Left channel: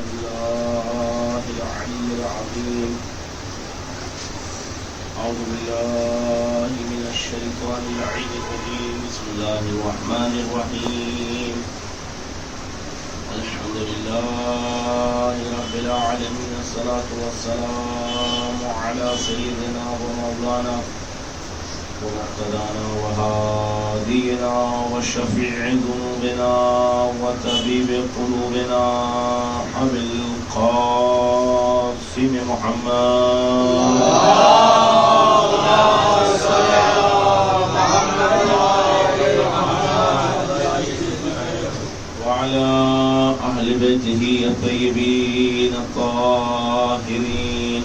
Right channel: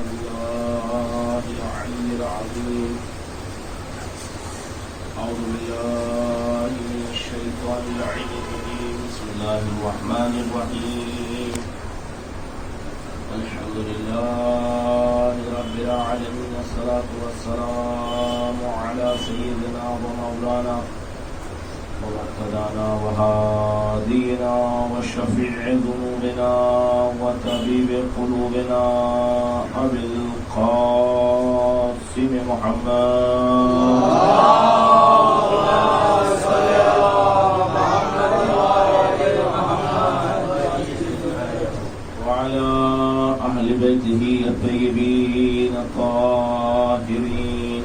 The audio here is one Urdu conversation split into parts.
بالله العلي العظيم. أعوذ بالله من الشيطان اللعين الرجيم. بسم الله الرحمن الرحيم. الحمد لله رب العالمين، الصلاة والسلام على سيدنا ومولانا ومقتدانا وهادينا وشفيع ذنوبنا وطبيب قلوبنا أبي القاسم محمد وعلى أهل بيته الطيبين الطاهرين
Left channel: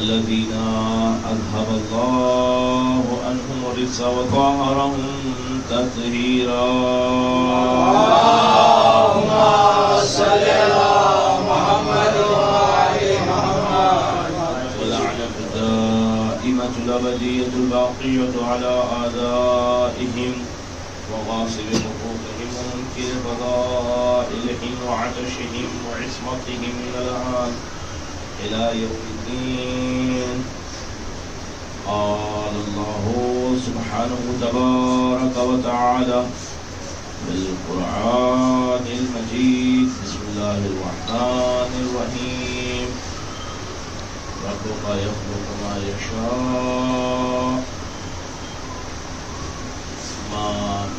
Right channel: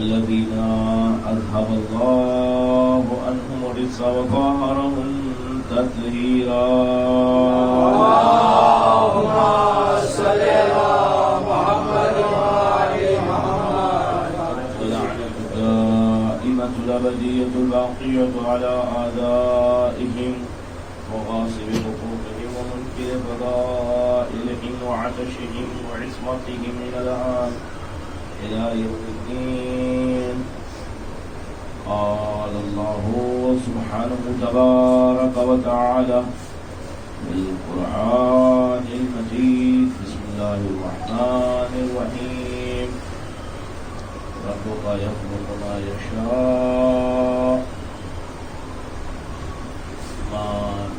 الذين أذهب الله عنهم الرجس وطهرهم تطهيرا. اللهم صل على محمد وآل محمد. ولعنة الدائمة الأبدية الباقية على أعدائهم وغاصب حقوقهم ومنكر فضائلهم وعطشهم وعصمتهم من الآن إلى يوم الدين. قال الله سبحانه تبارك وتعالى بالقرآن المجيد. بسم الله الرحمن الرحيم. ربك يخلق ما يشاء ما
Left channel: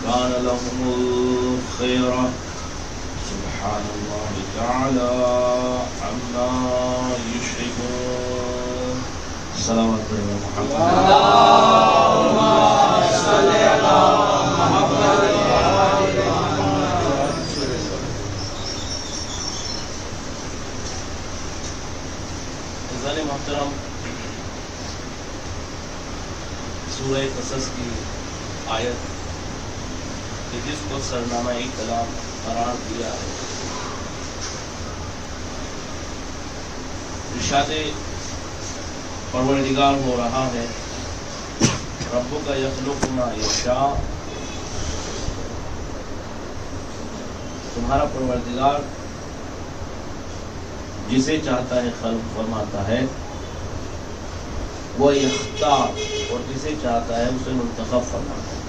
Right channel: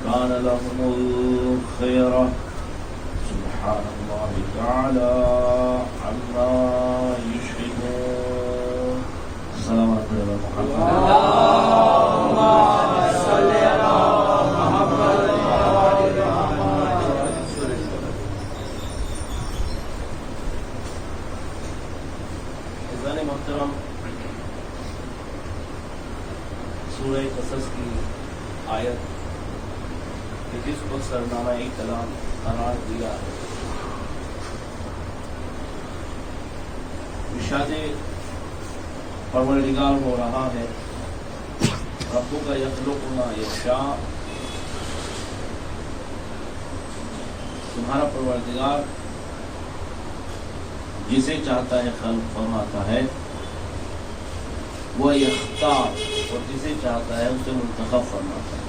كان لهم الخيرة سبحان الله تعالى عما يشركون. صلوات على محمد. اللهم صل على محمد وآل محمد. عزیزان محترم، سورہ قصص کی آیت کہ جس کو سرنامہ کلام قرار دیا ہے، ارشاد پروردگار ہو رہا ہے ربک یخلق ما یشاء. تمہارا پروردگار جسے چاہتا ہے خلق فرماتا ہے، وہ اختار، اور جسے چاہتا ہے اسے منتخب فرماتا ہے.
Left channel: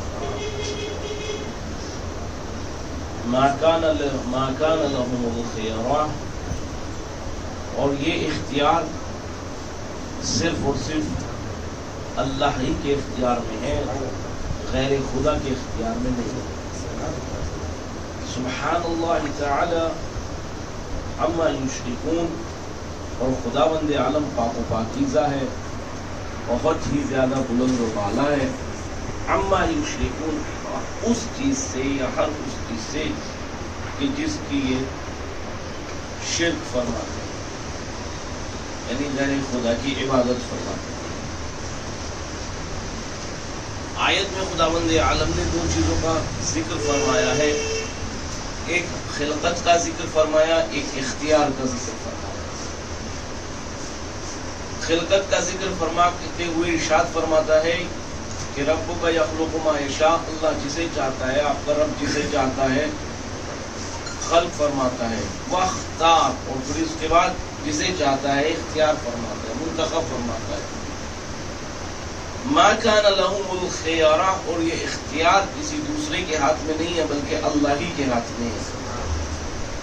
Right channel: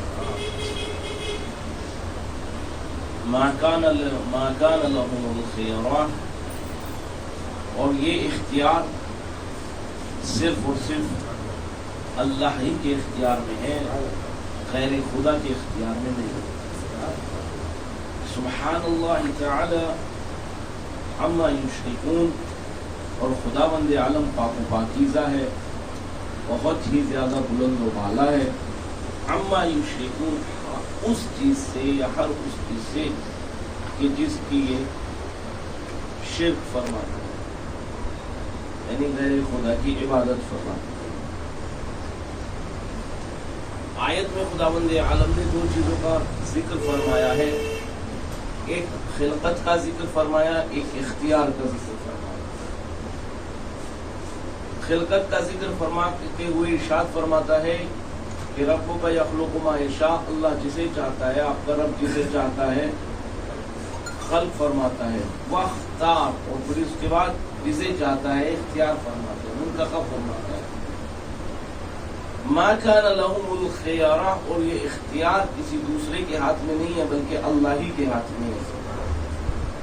ما کان لهم الخیرہ، اور یہ اختیار صرف اور صرف اللہ ہی کے اختیار میں ہے، غیر خدا کے اختیار میں نہیں. سبحان اللہ تعالی عما یشرکون. اور خداوند عالم پاک و پاکیزہ ہے، بہت ہی زیادہ بلند و بالا ہے. عما یشرکون، اس چیز سے یا ہر اس چیز سے کہ جس کی یہ شرک فرماتے ہیں، یعنی غیر خدا کی عبادت فرماتے ہیں. آیت میں خداوند عالم نے دو چیزوں کا ذکر فرمایا ہے، ایک خلقت کا ذکر فرمایا، ایک اختیار کا ذکر فرمایا. خلقت کا ذکر فرماتے ہوئے ارشاد فرماتا ہے کہ ربک یخلق ما یشاء، اللہ جسے چاہتا ہے، آپ کا رب جسے چاہتا ہے خلق فرماتا ہے. واختار، اور پھر اس کے بعد جسے چاہتا ہے اختیار فرماتا ہے، منتخب فرماتا ہے. ما کان لهم الخیارہ، اور یہ اختیار کسی دوسرے کے ہاتھ میں نہیں ہے بلکہ اللہ ہی کے ہاتھ میں ہے.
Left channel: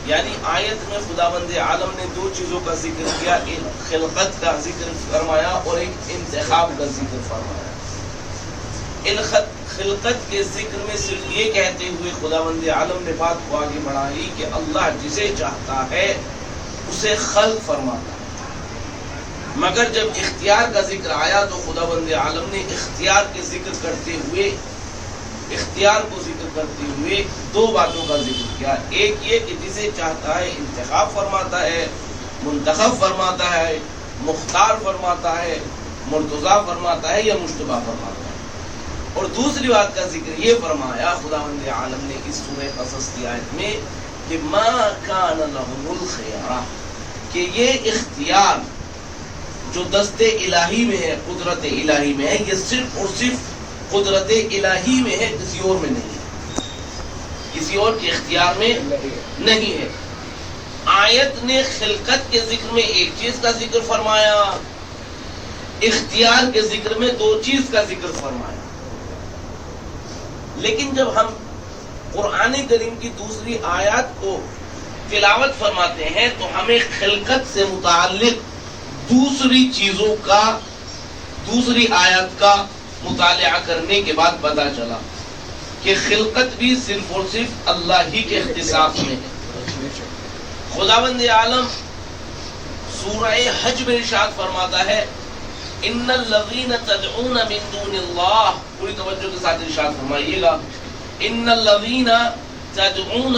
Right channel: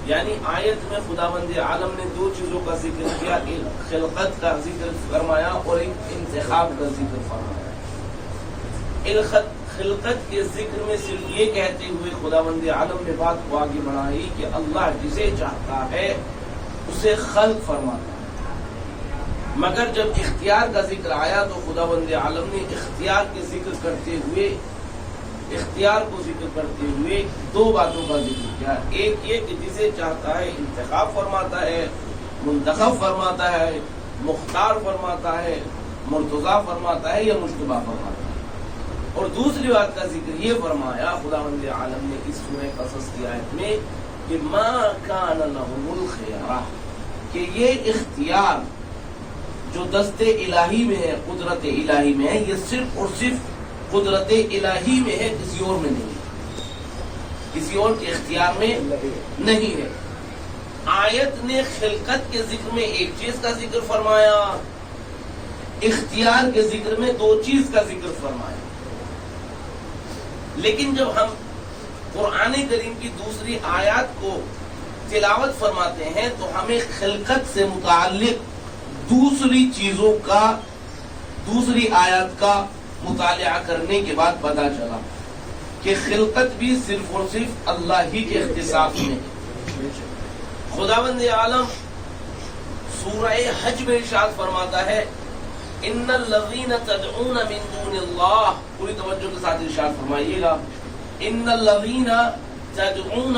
یعنی آیت میں خداوند عالم نے دو چیزوں کا ذکر کیا، ایک خلقت کا ذکر فرمایا اور ایک انتخاب کا ذکر فرمایا. خلقت کے ذکر میں صرف یہ کہتے ہوئے خداوند عالم نے بات کو آگے بڑھائی کہ اللہ جسے چاہتا ہے اسے خلق فرماتا ہے. مگر جب اختیار کا ذکر آیا تو خداوند عالم نے اختیار کو ذکر کرتے ہوئے دو باتوں کا ذکر کیا. ایک یہ کہ جسے چاہتا ہے انتخاب فرماتا ہے، منتخب فرماتا ہے، مختار فرماتا ہے، مرتضی فرماتا ہے یا مجتبی فرماتا ہے. اور دوسری بات کا ذکر یہ فرمایا خداوند عالم نے اس سورہ قصص کی آیت میں کہ ما کان لهم الخیارہ، کہ یہ اختیار جو دست الہی میں ہے، قدرت الہی میں ہے، یہ صرف اور صرف قدرت الہی میں ہے، کسی اور میں نہیں ہے، کسی اور کے اختیار میں نہیں ہے. آیت نے خلقت کے ذکر میں ایک چیز کا ذکر فرمایا، اختیار کے ذکر میں دو چیز کا ذکر فرمایا. لیکن جب ہم قرآن کریم کی دوسری آیات کو تلاوت فرماتے ہیں تو ہمیں خلقت سے متعلق دوسری چیزوں کا، دوسری آیات کا مطالعہ کرنے کے بعد پتہ چلا کہ خلقت بھی صرف اور صرف اللہ ہی کے اختصاص میں ہے. خداوند عالم سورہ حج میں ارشاد فرماتا ہے ان الذین تدعون من دون اللہ، پوری توجہ کے ساتھ ارشاد فرمائیے گا، ان الذین تدعون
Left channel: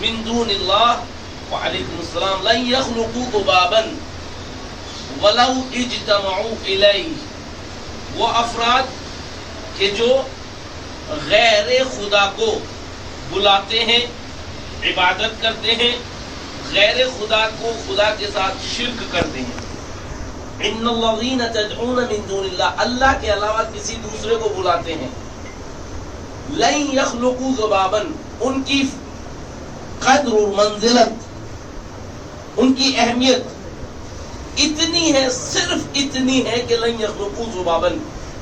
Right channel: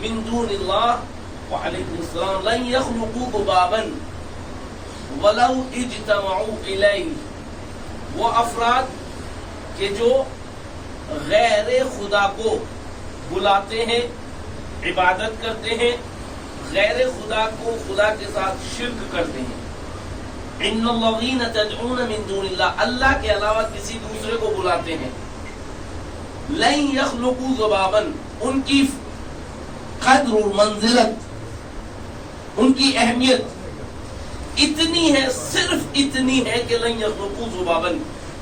من دون اللہ وعلیکم السلام لن یخلقوا ذبابا ولو اجتمعوا الیہ. وہ افراد کہ جو غیر خدا کو بلاتے ہیں، عبادت کرتے ہیں، غیر خدا کو خدا کے ساتھ شرک کرتے ہیں. ان الذین تدعون من دون اللہ، اللہ کے علاوہ کسی دوسرے کو بلاتے ہیں. لن یخلقوا ذبابا، ان کی قدر و منزلت، ان کی اہمیت اتنی ہے، صرف اتنی ہے کہ لن یخلقوا ذبابا،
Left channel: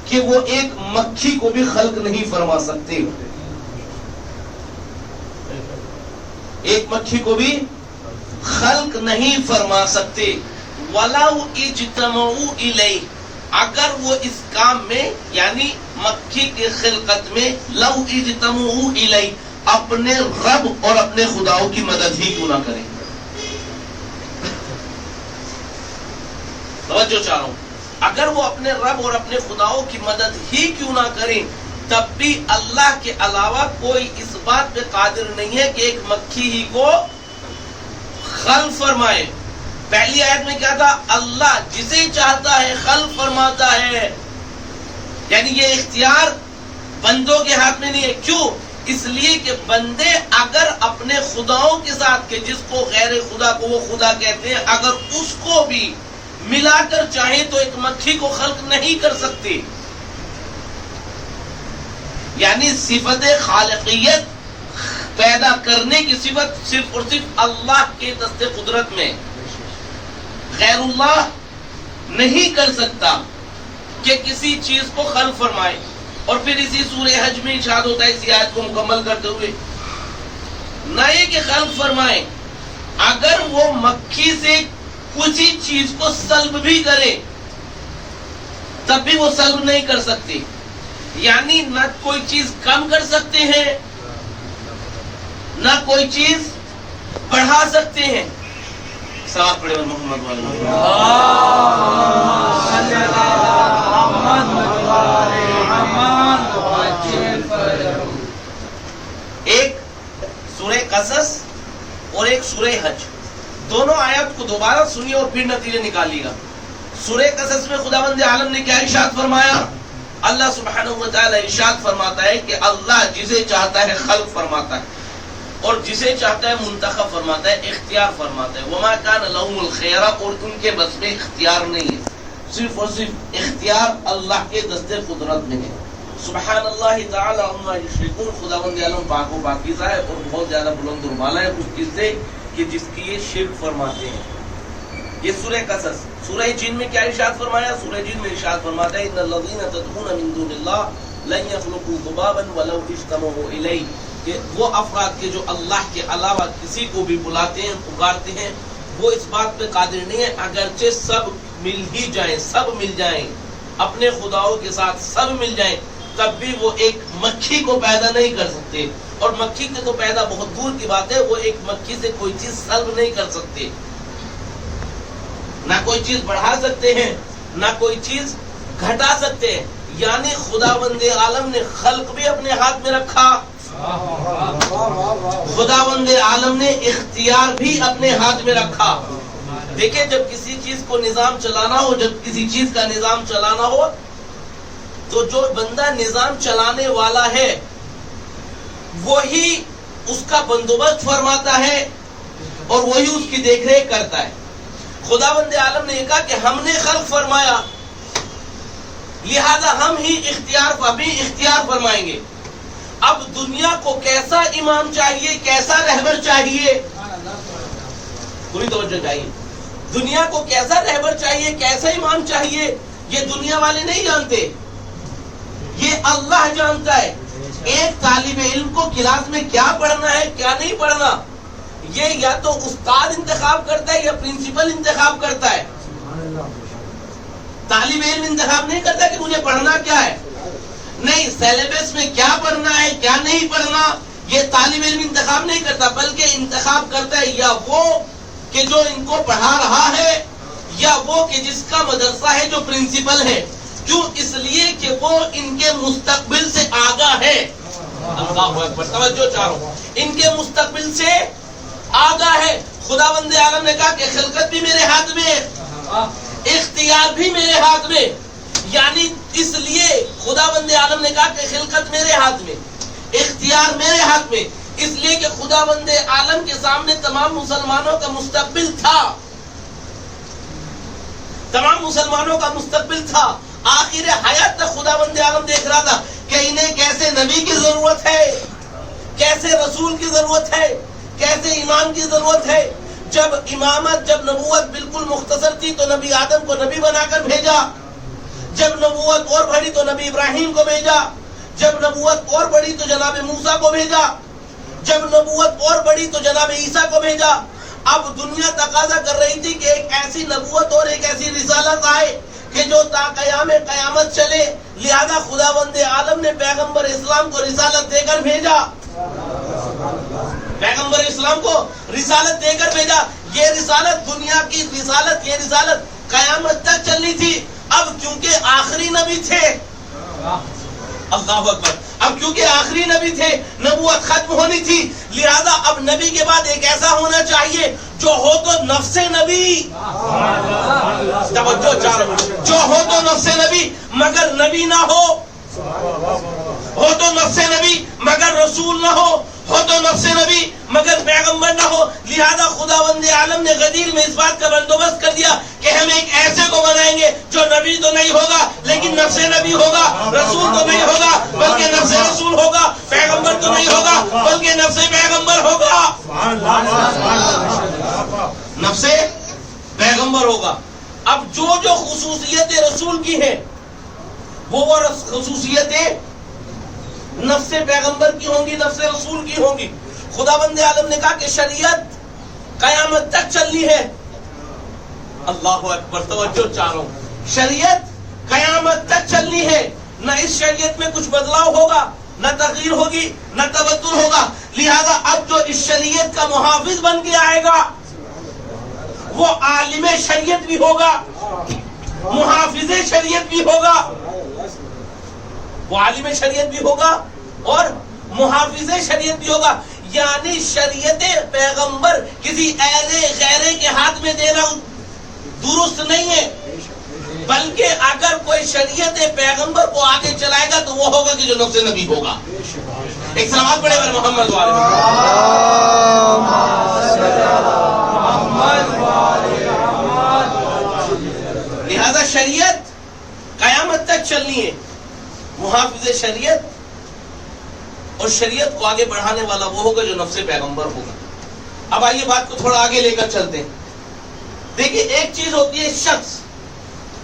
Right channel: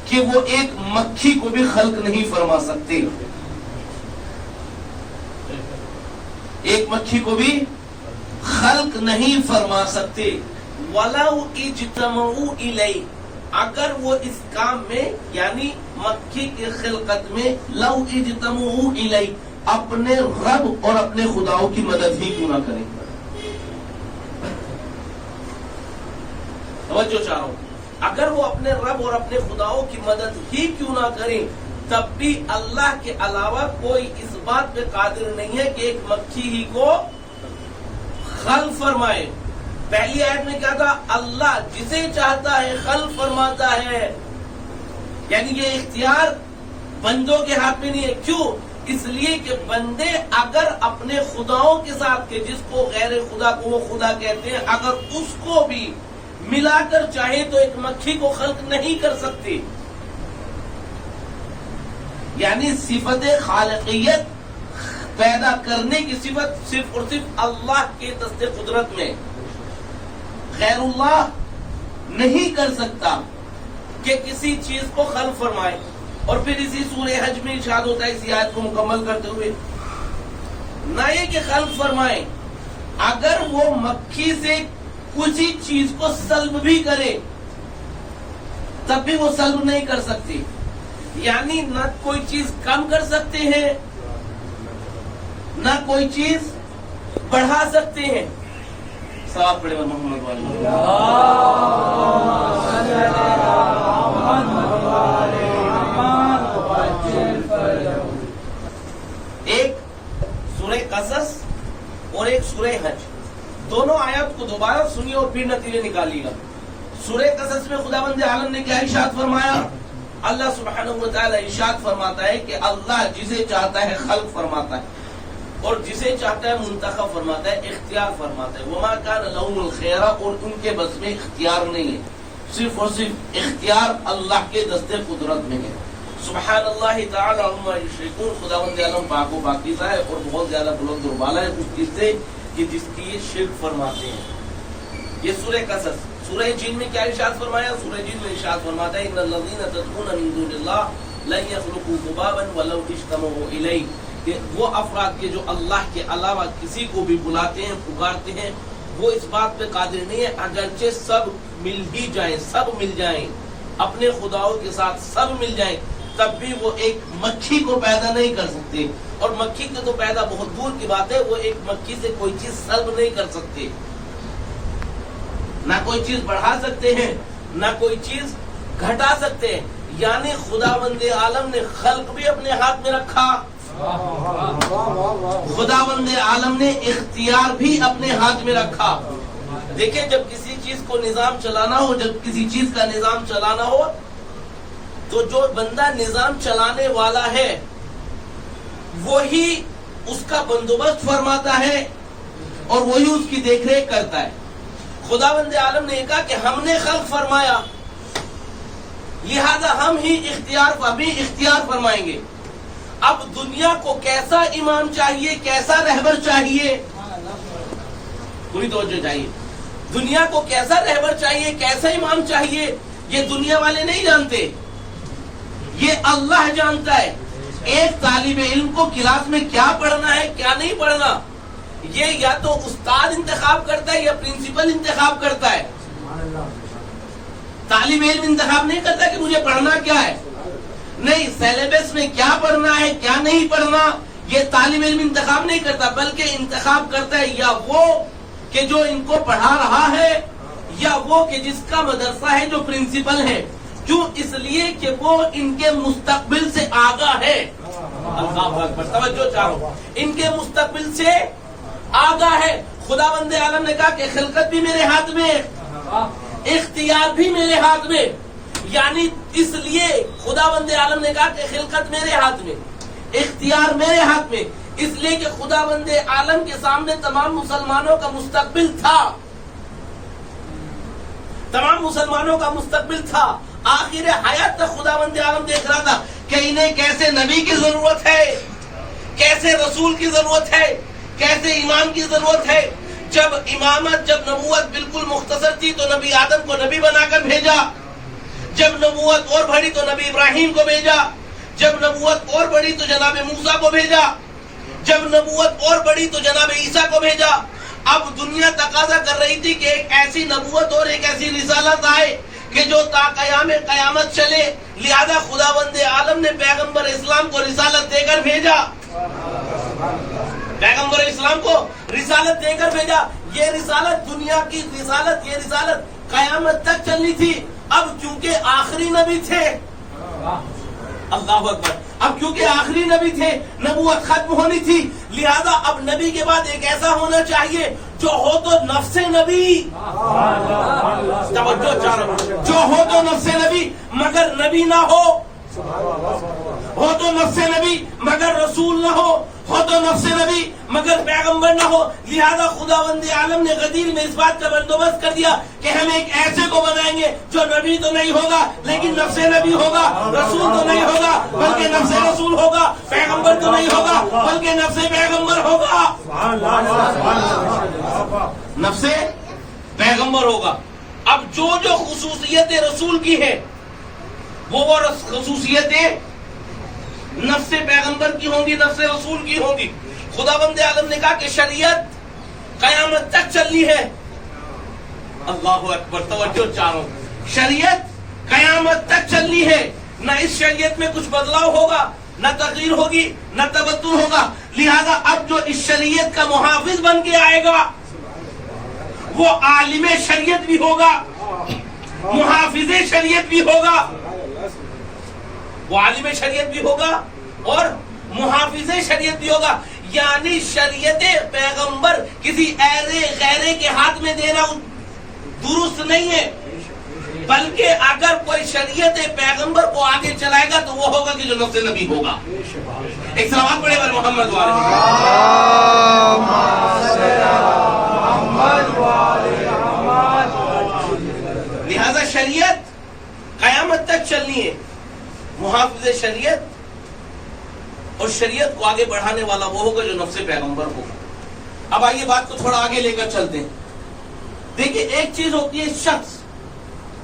کہ وہ ایک مکھی کو بھی خلق نہیں فرما سکتے. ایک مکھی کو بھی خلق نہیں فرما سکتے. وَلَوْ اجْتَمَعُوا إِلَيْهِ، اگر وہ اس کام میں یعنی مکھی کی خلقت میں لَوْ اجْتَمَعُوا إِلَيْهِ اپنے رب اور اپنے خداؤں کی مدد ہی کیوں نہ کریں. توجہ چاہ رہا ہوں، اگر وہ اپنے رب اور اپنے خداؤں کی مدد ہی کیوں نہ کریں تب بھی اللہ کے علاوہ کوئی اس بات پہ قادر نہیں ہے کہ ایک مکھی ہی کو خلق فرمائے. پہلی آیت میں کیا تھا؟ اللہ جسے چاہتا ہے خلق فرماتا ہے، یعنی یہ اختیار بندوں کے ہاتھ میں نہیں ہے. کیوں؟ اس لیے کہ بندے اگر اپنے خداؤں کے ساتھ کہ جس کو غیر خدا کو وہ خدا کہتے ہیں، اگر اس کو بھی ملا کر چاہیں تو ایک مکھی کو خلق نہیں کر سکتے. یعنی صفت خالقیت پیدا کرنے کی صفت صرف اور صرف اللہ کے دست قدرت میں، غیر اللہ نہیں کر سکتا کہ کسی چیز کو خلق فرمائے. اور پھر اسی سورہ حج میں ارشاد ہوتا ہے اسی آیت کو مکمل کرتے ہوئے، نہ یہ کہ خلق فرمائے، اگر وہ مکھی سے کسی چیز کو سلب بھی کرے تب بھی وہ سلب نہیں کر سکتے. یعنی نہ کوئی چیز کم کر سکتے ہیں نہ کوئی چیز بڑھا سکتے ہیں. سوال پڑھے محمد والی. ایک سورہ قصص اور ایک سورہ حج، دونوں آیات کو دوبارہ سنیے اور پھر نتیجے نکالیے گا. سورہ قصص میں خداوند عالم نے کیا ارشاد فرمایا؟ اللہ سبحانہ و تعالی ارشاد فرماتا ہے کہ اللہ جسے چاہتا ہے خلق فرماتا ہے اور جسے چاہتا ہے منتخب فرماتا ہے، اختیار فرماتا ہے. وما کان لهم الخیرہ، اور ان کے بس میں اختیار نہیں ہے، صرف اور صرف اختیار اللہ کے دست قدرت میں ہے. سبحان اللہ تعالی عما یشرکون، خداوند عالم پاک و پاکیزہ ہے اور بہت زیادہ بلند و بالا ہے اس چیز سے کہ جس کی یہ شرک فرماتے ہیں. یہ سورہ قصص. سورہ جن میں کیا ارشاد فرمایا؟ سورہ جن میں ارشاد فرماتا ہے ان الذین تدعون من دون اللہ لن یخلقوا ذبابا ولو اجتمعوا الیہ، کہ وہ افراد کے جو اللہ کے علاوہ کسی کو بھی بلاتے ہیں، پکارتے ہیں، وہ اس بات پہ قادر نہیں ہے اگرچہ سب مل ہی جائیں، سب مل جائیں، اپنے خداؤں کے ساتھ سب مل جائیں، تب بھی وہ ایک مکھی کو پیدا نہیں کر سکتے. اور مکھی کے تو پیدا بہت دور کی بات ہے، وہ ایک مکھی سے کوئی چیز سلب نہیں کر سکتے، نہ کوئی چیز بڑھا سکتے ہیں نہ کوئی چیز گھٹا سکتے ہیں. یعنی خداوند عالم نے خلق بھی اپنے ہاتھ میں رکھا، خداوند عالم نے اختیار بھی اپنے ہاتھ میں رکھا. دیکھیں جب کسی چیز کو نظام چلانا ہو، جب کسی چیز کا نظام چلانا ہو تو جو بندہ نظام چلانے والا ہے وہی اس کا بندوبست فرماتا ہے اور وہی اس کی دیکھ ریکھ کرتا ہے. خداوند عالم نے کہا کہ ہم نے خلق فرمایا لہذا ہم ہی اختیار فرمائیں گے. اب دنیا کو کیسا امام چاہیے، کیسا رہبر چاہیے، پوری توجہ چاہیے. دنیا کو کیسا رہبر چاہیے, کیسا امام چاہیے, یہ دنیا والے نہیں جانتے, یہ اللہ جانتا ہے. ایک طالب علم کو کلاس میں کیا پڑھنا ہے کیا نہیں پڑھنا, یہ یا تو استاد انتخاب کرتا ہے یا پرنسپل انتخاب کرتا ہے. طالب علم انتخاب نہیں کرتا کہ مجھے پڑھنا کیا ہے, نہیں, سیلیبس میں کیا پڑھنا ہے کیا نہیں پڑھنا یہ طالب علم انتخاب نہیں کرتا, بلکہ انتخاب کرتا ہے یا وہ کہ جو ان کو پڑھا رہا ہے, یا وہ کہ جس کا مدرسہ ہے جو پرنسپل ہے. کیوں؟ اس لیے کہ وہ ان کے مستقبل سے آگاہ ہے. اللہ اکبر, توجہ چاہو, ان کے مستقبل سے آگاہ ہے. خداوند عالم نے کہا کہ خلقت بھی میرے ہاتھ میں ہے, اختیار بھی میرے ہاتھ میں. یعنی اس لیے خداوند عالم نے کہا کہ خلقت میرے ہاتھ میں, اختیار میرے ہاتھ میں, اس لیے کہ خداوند عالم کے سامنے تمام مسلمانوں کا مستقبل تھا, تمام مسلمانوں کا مستقبل تھا. آخر حیات تک خداوند عالم دیکھ رہا تھا کہ انہیں کیسے نبی کی ضرورت ہے, کیسے رسول کی ضرورت ہے, کیسے امام کی ضرورت ہے. جب امامت, جب نبوت بالکل مختصر تھی تو نبی آدم کو نبی بنا کر بھیجا. جب نبوت اور بڑھی تو نبی ابراہیم کو بھیجا. جب نبوت اور بڑھی تو جناب موسیٰ کو بھیجا. جب نبوت اور بڑھی تو جناب عیسیٰ کو بھیجا. اب دنیا تقاضا کر رہی تھی کہ ایک ایسی نبوت اور ایک ایسی رسالت آئے کہ جو تا قیام قیامت چلے. لہذا خداوند عالم نے پیغمبر اسلام کو رسالت دے کر بھیجا, پیغمبر اسلام کو رسالت دے کر بھیجا. یہ رسالت دنیا کی رسالت, یہ رسالت قیامت تک چلنی تھی. اب کیونکہ آخری نبی تھے, اللہ اکبر, اب کیونکہ آخری نبی تھے, نبوت ختم ہونی تھی, لہذا اب نبی کے بعد ایک ایسا ہونا چاہیے جو ہو تو نفس نبی, توجہ چاہو, جو ہو تو نفس نبی مگر نبی نہ ہو تو نفس نبی مگر رسول نہ ہو تو نفس نبی مگر پیغمبر نہ ہو. لہذا خداوند عالم نے غدیر میں اس بات کا بندوبست کر دیا کہ ہم ایک ایسے کو بنائیں گے جو نبی تو نہیں ہوگا لیکن نفس نبی ہوگا, رسول تو نہیں ہوگا بلکہ نفس رسول ہوگا, پیغمبر تو نہیں ہوگا بلکہ نفس پیغمبر ہوگا, نفس پیغمبر ہوگا. اب جو خصوصیتیں رسول کی ہیں وہ خصوصیتیں نفس پیغمبر کی ہوں گی, نفس رسول کی ہوں گی. خداوند عالم نے کہا کہ شریعت قیامت تک چلنی ہے. اللہ اکبر, توجہ چاہو, شریعت قیامت تک چلنی ہے. نہ اس شریعت میں کچھ بدلاؤ ہوگا, نہ تغییر ہوگی, نہ تبدل ہوگا. لہذا اب جو اس شریعت کا محافظ بن کے آئے گا وہ عالم شریعت بھی ہوگا, محافظ شریعت بھی ہوگا, وہ عالم شریعت بھی ہوگا اور محافظ شریعت بھی ہوگا. یعنی شریعت پیغمبر کسی غیرے کے ہاتھ میں دینا درست نہیں ہے, بلکہ اگر کوئی شریعت پیغمبر کو آگے چلائے گا تو وہ ہوگا کہ جو نفس نبی ہوگا. ایک سلوات پڑھے گا محمد لہذا شریعت قیامت تک چلنی ہے. محافظ شریعت اور شریعت کو آگے بڑھانے والا وہ ہوگا جو نفس پیغمبر ہوگا. اب آئیے بات کو تھوڑا آگے لے کر چلتے ہیں. دیکھیں, ایک چیز ہوتی ہے شخص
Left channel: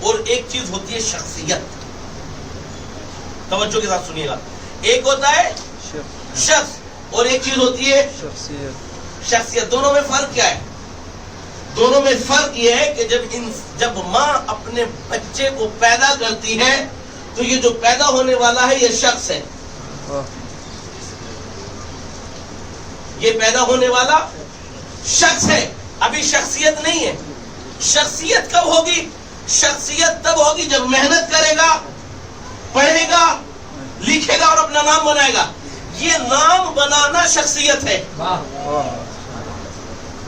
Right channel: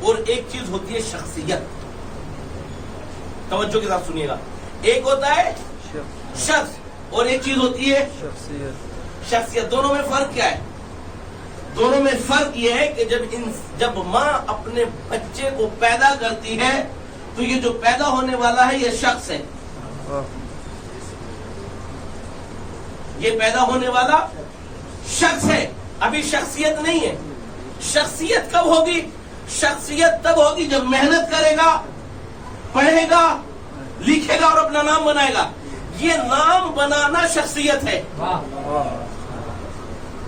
اور ایک چیز ہوتی ہے شخصیت. توجہ کے ساتھ سنیے گا. ایک ہوتا ہے شخص اور ایک چیز ہوتی ہے شخصیت. دونوں میں فرق کیا ہے؟ دونوں میں فرق یہ ہے کہ جب ماں اپنے بچے کو پیدا کرتی ہے تو یہ جو پیدا ہونے والا ہے یہ شخص ہے, یہ پیدا ہونے والا شخص ہے, ابھی شخصیت نہیں ہے. شخصیت کب ہوگی؟ شخصیت تب ہوگی جب محنت کرے گا, پڑھے گا, لکھے گا اور اپنا نام بنائے گا. یہ نام بنانا شخصیت ہے.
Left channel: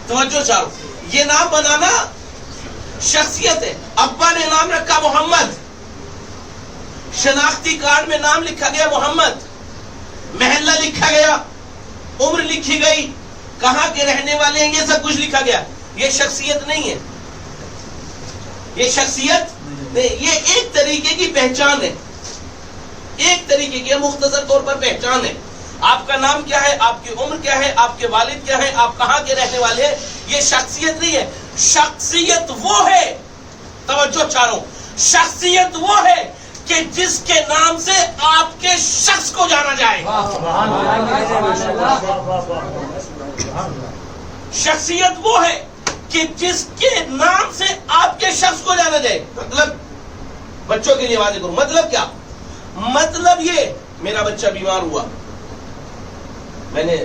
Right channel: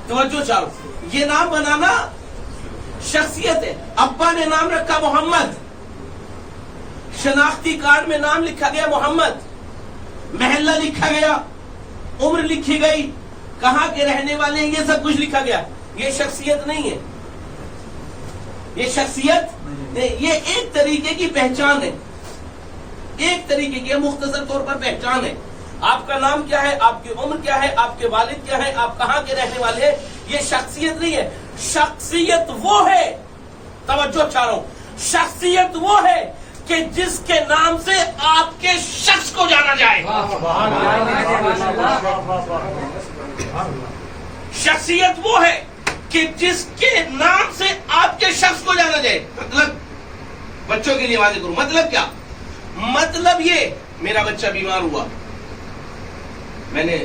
توجہ چاہو, یہ نام بنانا شخصیت ہے. ابا نے نام رکھا محمد, شناختی کارڈ میں نام لکھا گیا محمد, محلہ لکھا گیا, عمر لکھی گئی, کہاں کے رہنے والے ہیں یہ سب کچھ لکھا گیا. یہ شخصیت نہیں ہے, یہ شخصیت نہیں, یہ ایک طریقے کی پہچان ہے, ایک طریقے کی مختصر طور پر پہچان ہے. آپ کا نام کیا ہے، آپ کی عمر کیا ہے، آپ کے والد کیا ہے، آپ کہاں کے رہنے والے ہیں، یہ شخصیت نہیں ہے. شخصیت وہ ہے، توجہ چاہوں، شخصیت وہ ہے کہ جس کے نام سے آپ کے شخص کو جانا جائے. شخصیت وہ ہے کہ جس کے نام سے آپ کے شخص کو جانا جائے. مطلب بچوں کے لیے واضح کروں، مطلب کیا؟ مطلب یہ، میرا بچہ بیمار ہوا، میں نے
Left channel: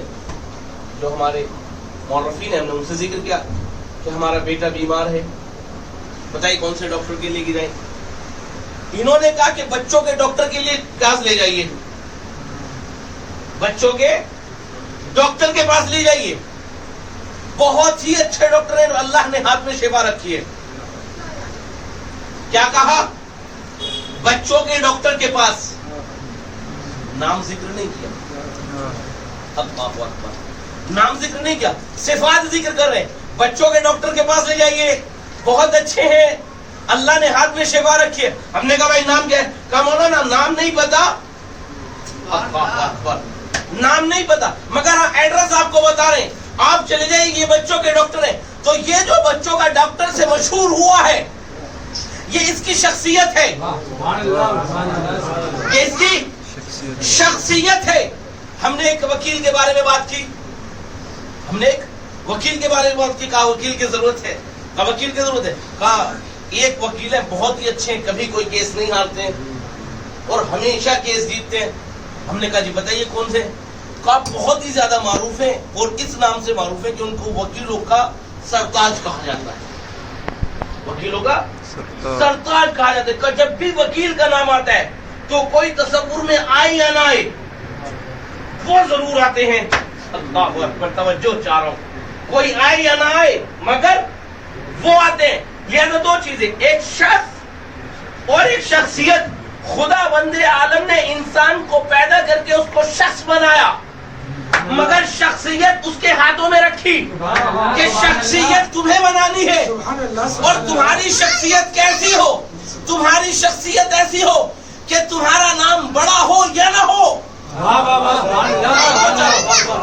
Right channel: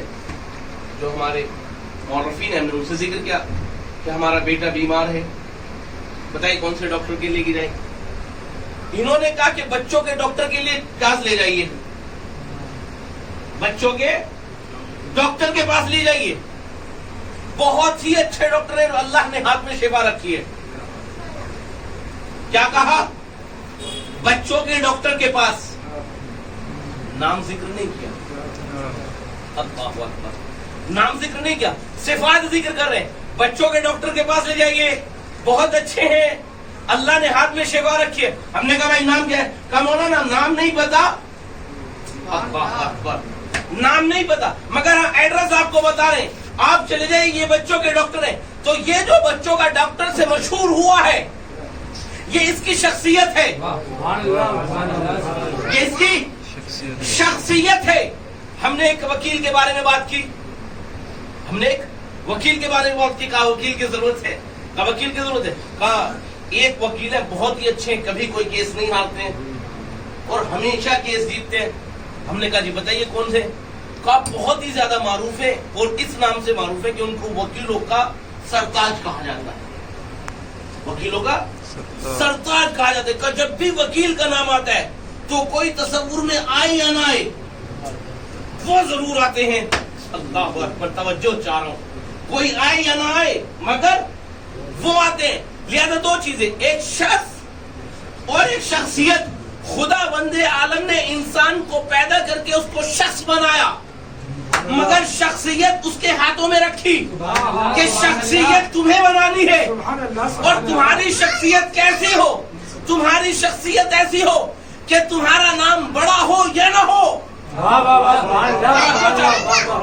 جو ہمارے مورخین ہیں ہم نے ان سے ذکر کیا کہ ہمارا بیٹا بیمار ہے، بتائیے کون سے ڈاکٹر کے لیے جائیں. انہوں نے کہا کہ بچوں کے ڈاکٹر کے لیے پاس لے جائیے، بچوں کے ڈاکٹر کے پاس لے جائیے. بہت ہی اچھے ڈاکٹر ہیں، اللہ نے ہاتھ میں شفا رکھی ہے. کیا کہا؟ بچوں کے ڈاکٹر کے پاس. نام ذکر نہیں کیا، اللہ اکبر، نام ذکر نہیں کیا، صفات ذکر کر رہے ہیں. بچوں کے ڈاکٹر کے پاس لے جائیے، بہت اچھے ہیں، اللہ نے ہاتھ میں شفا رکھی ہے. ہم نے کہا بھائی نام کیا ہے؟ کہا مولانا نام نہیں پتا. اللہ اکبر، نام نہیں پتا مگر ہم ایڈریس آپ کو بتا رہے ہیں، آپ چلے جائیں، یہ بچوں کے ڈاکٹر ہیں. تو یہ جو بچوں کا ڈاکٹر سے مشہور ہوا ہے، یہ اس کی شخصیت ہے، یہ اس کی شخصیت ہے. ہم نے ایک وکیل کے بارے میں بات کی، ہم نے ایک وکیل کے بارے میں بات کی، کہا وکیل کی ضرورت ہے، کہا وکیل کی ضرورت ہے. کہا ایک وکیل ہے بہت ہی اچھے ہیں، کبھی کوئی کیس نہیں ہارتے ہیں اور ہمیشہ کیس جیتتے ہیں. ہم نے کہا جی بتائیے کون سے؟ کہا بہت ہی زیادہ معروف ہے اور اس نام سے معروف ہے کہ ان کو وکیلوں کا سرتاج کہا جاتا ہے، وکیلوں کا سرتاج کہا جاتا ہے. کہ جب بھی وکیل کا نام آتا ہے تو کوئی تصور میں آئے یا نہ آئے، وہ ضرور آتے ہیں. اللہ اکبر، توجہ چاہ رہا ہوں، کوئی آئے یا نہ آئے مگر وہ آتے ہیں. لہذا دو چیزیں، ایک شخص اور ایک شخصیت. خدا بند عالم نے انسان کو پیدا کر کے اس کو شخص بنایا مگر شخصیت اس کے ہاتھوں میں رکھی کہ شخصیت تمہیں بنانی ہے. اور تمہاری شخصیت کیسی ہو؟ تمہاری شخصیت ایسی ہو کہ تمہارا نام بڑا ہو یا نہ ہو،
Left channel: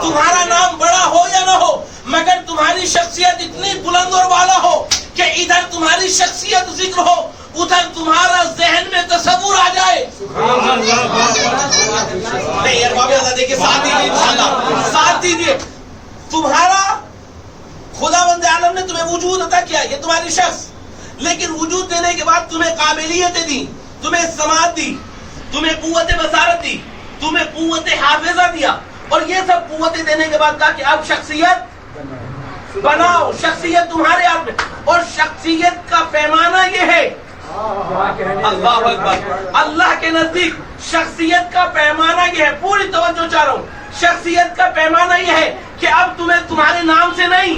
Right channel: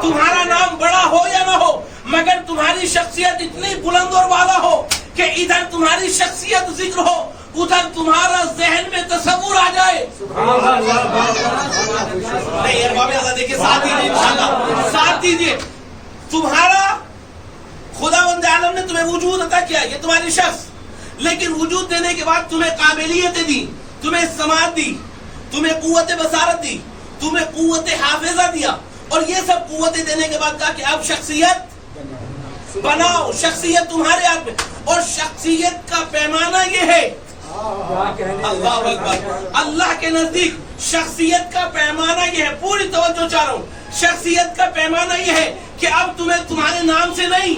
تمہارا نام بڑا ہو یا نہ ہو مگر تمہاری شخصیت اتنی بلند اور بالا ہو کہ ادھر تمہاری شخصیت ذکر ہو، ادھر تمہارا ذہن میں تصور آ جائے. نہیں یار بابا دیکھیے، ساتھ دیجیے انشاءاللہ، ساتھ دیجیے. تمہارا خدا بند عالم نے تمہیں وجود عطا کیا، یہ تمہاری شخص، لیکن وجود دینے کے بعد تمہیں قابلیتیں دی، تمہیں سماعت دی، تمہیں قوت بصارت دی، تمہیں قوت حافظہ دیا، اور یہ سب قوتیں دینے کے بعد کہا کہ اب شخصیت بناؤ. شخصیت تمہارے ہاتھ میں، اور شخصیت کا پیمانہ یہ ہے، اللہ اکبر، اللہ کے نزدیک شخصیت کا پیمانہ یہ ہے. پوری توجہ چاہ رہا ہوں، شخصیت کا پیمانہ یہ ہے کہ اب تمہیں تمہارے نام سے نہیں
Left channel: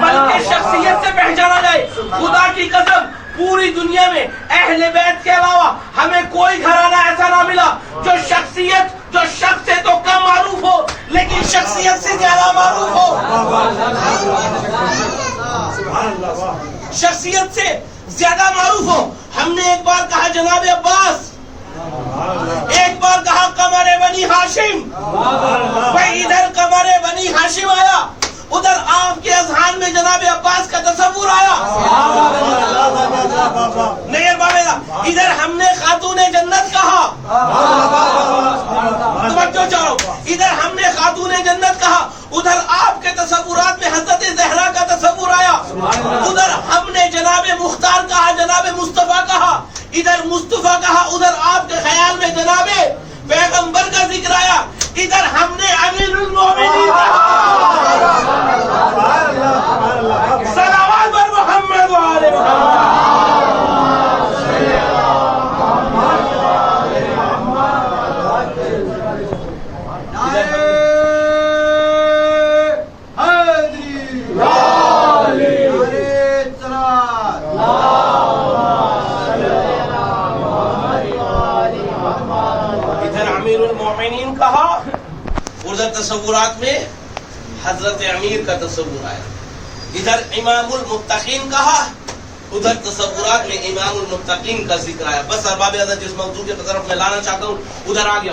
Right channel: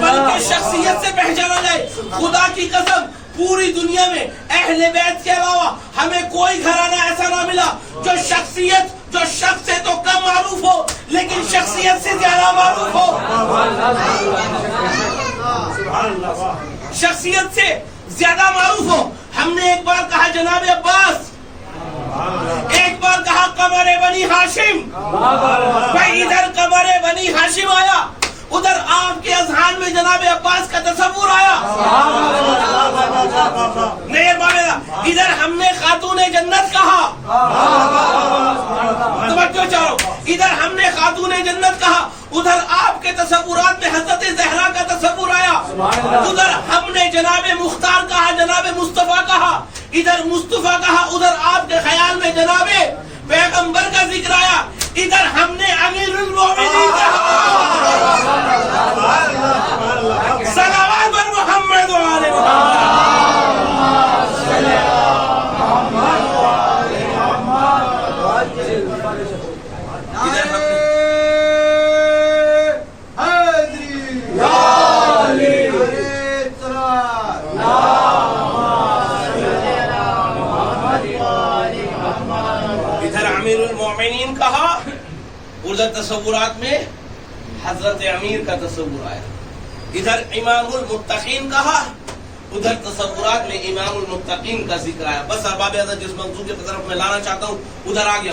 بلکہ شخصیت سے پہچانا جائے. خدا کی قسم پوری دنیا میں اہل بیت کے علاوہ ہمیں کوئی گھرانہ ایسا نہ ملا جو شخصیت، جو شخص سے تو کم معروف ہو لیکن شخصیت سے زیادہ معروف ہو، شخصیت سے زیادہ معروف ہو. ہم نے ایک بار کہا جناب عباس، ایک بار کہا قمر بنی ہاشم، بھائی ادھر قمر بنی ہاشم آیا، ادھر آپ کے اذہان میں جناب عباس کا تصور آیا. نہیں ادھر ہم نے خاتون جنت کہا، توجہ چاہو، ادھر ہم نے خاتون جنت کہا، ادھر آپ کے تصورات میں حضرت زہرا کا تصور آیا، ادھر ہم نے جناب مختار کہا، جناب مصطفیٰ کہا، ادھر مصطفیٰ کہا، ادھر آپ کے خیال میں جناب پیغمبر کا ذکر آیا، ادھر ہم نے امیر المومنین کہا. صلوات بر محمد وآل کہا، ادھر تصورات میں حضرت امیر کا تصور آیا. ادھر امام المتقین کہا، ادھر تصورات میں امام المتقین کا ذکر آیا. بس ارباب حضرت جس موضوع کی طرف میں لانا چاہتا ہوں ادھر آ گیا.